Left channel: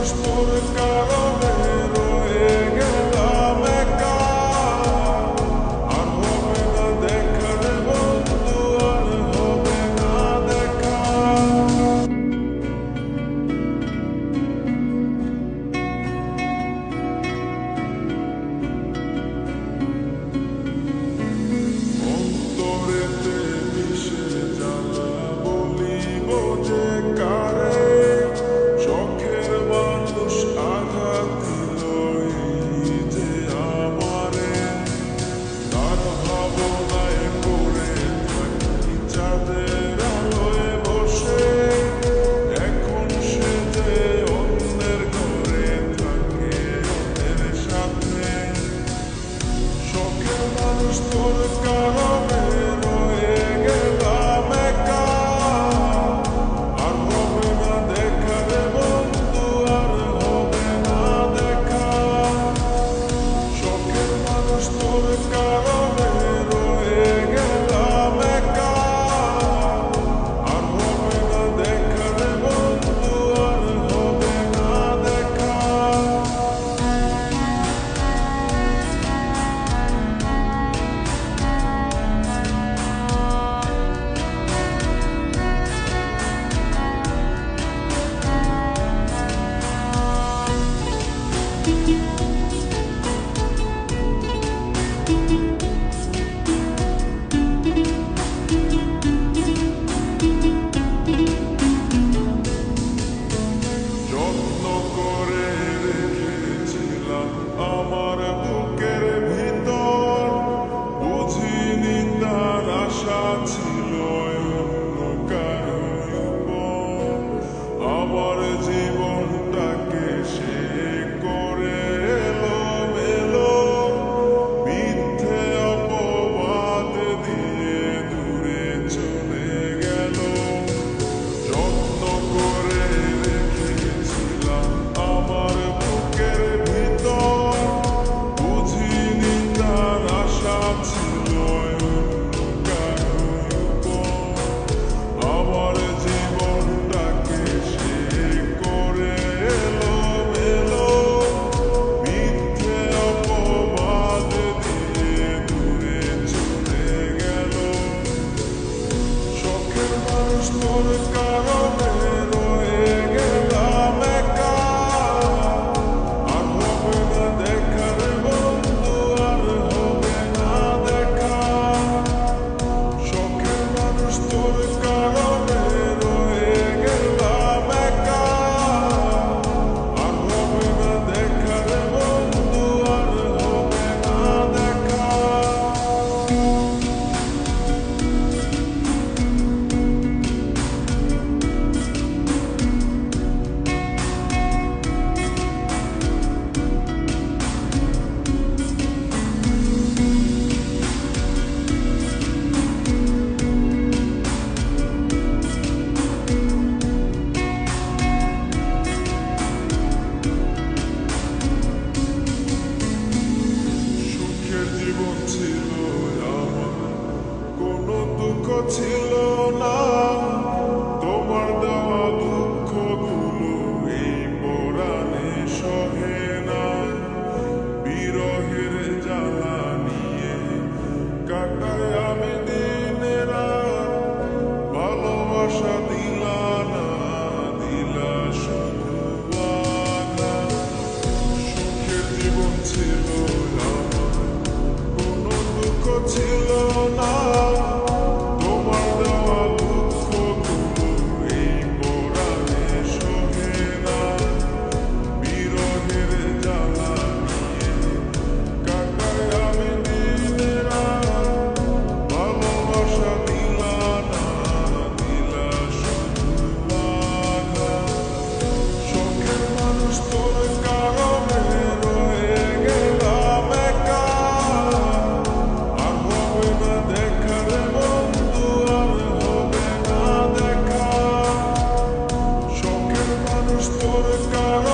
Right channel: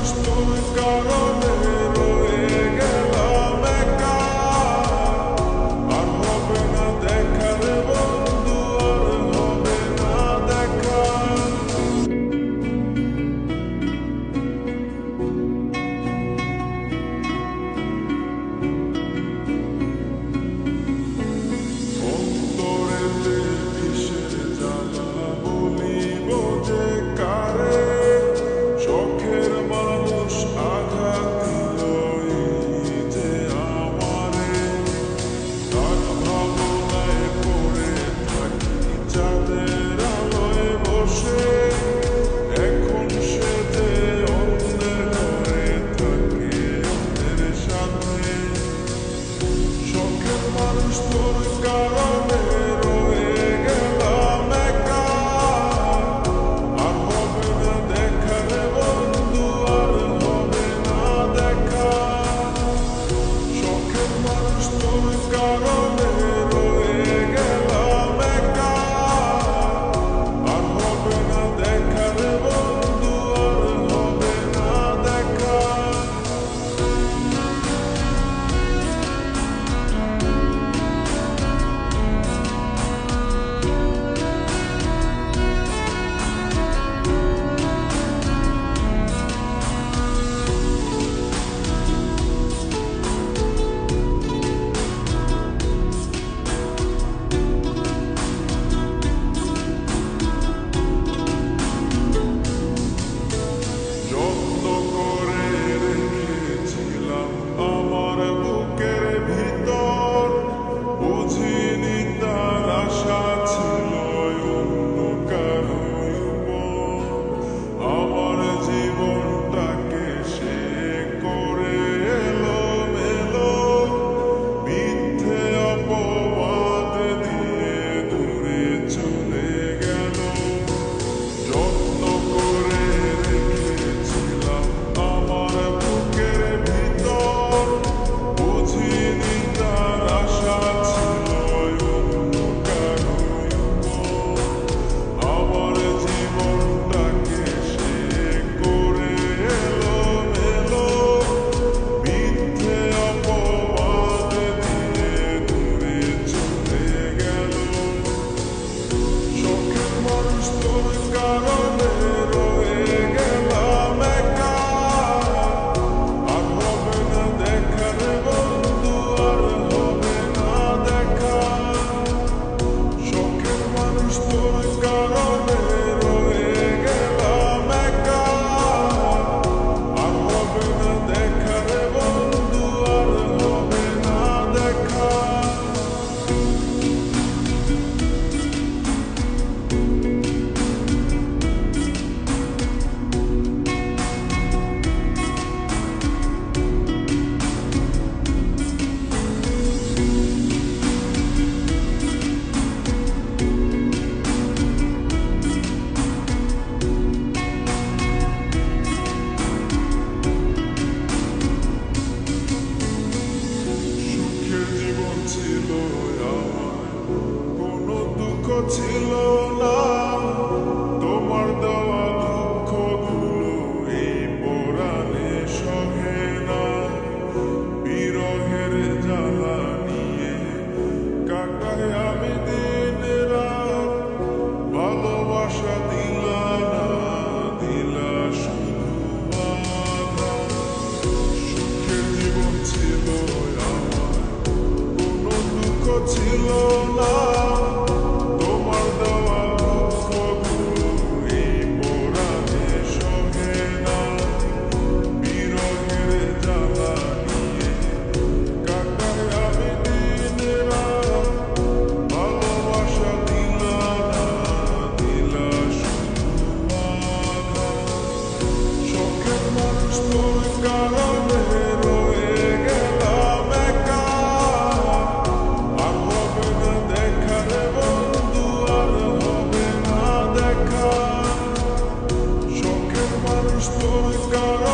মানুষ তোর কারণে রয়ে গেলাম একা। আর হবে না দেখা রে বন্ধু, আর হবে না দেখা। অন্তরেতে বিষের জ্বালা বলিব যে কারে, শখের মানুষ আঘাত দিল এই যে আমারে। তার ভাবনায় পড়ে থাকি চাঁদের আলোয় বসে, এখন সে যে অন্যের ঘরে থাকে অন্যের সাথে। শখের মানুষ তোর কারণে রয়ে গেলাম একা। আর হবে না দেখা রে বন্ধু, আর হবে না দেখা। শখের মানুষ তোর কারণে রয়ে গেলাম একা। আর হবে না দেখা রে বন্ধু, আর হবে না দেখা। যত্ন করে রেখেছিলাম আমার বুকের ভিতর, বুঝিনি তার আশা ছিল অন্য কারো উপর। আমার জীবনটাকে সে করে এলোমেলো, মিথ্যে অপবাদ দিয়ে দূরে চলে গেল। যত্ন করে রেখেছিলাম আমার বুকের ভিতর, বুঝিনি তার আশা ছিল অন্য কারো উপর। আমার জীবনটাকে সে করে এলোমেলো, মিথ্যে অপবাদ দিয়ে দূরে চলে গেল। শখের মানুষ তোর কারণে রয়ে গেলাম একা। আর হবে না দেখা রে বন্ধু, আর হবে না দেখা। শখের মানুষ তোর কারণে রয়ে গেলাম একা। আর হবে না দেখা রে বন্ধু, আর হবে না দেখা। সুখের জীবন ছিল আমার, কোনো দুঃখ ছিল না। তোমার দেওয়া দুঃখগুলো এই পরাণে সহে না। বিরহের জ্বালা নিয়ে কাটাই আমি দিন রাত, ভালোবাসা দিলা না, দিলা শুধু আঘাত। সুখের জীবন ছিল আমার, কোনো দুঃখ ছিল না। তোমার দেওয়া দুঃখগুলো এই পরাণে সহে না। বিরহের জ্বালা নিয়ে কাটাই আমি দিন রাত, ভালোবাসা দিলা না, দিলা শুধু আঘাত। শখের মানুষ তোর কারণে রয়ে গেলাম একা। আর হবে না দেখা রে বন্ধু, আর হবে না দেখা। শখের মানুষ তোর কারণে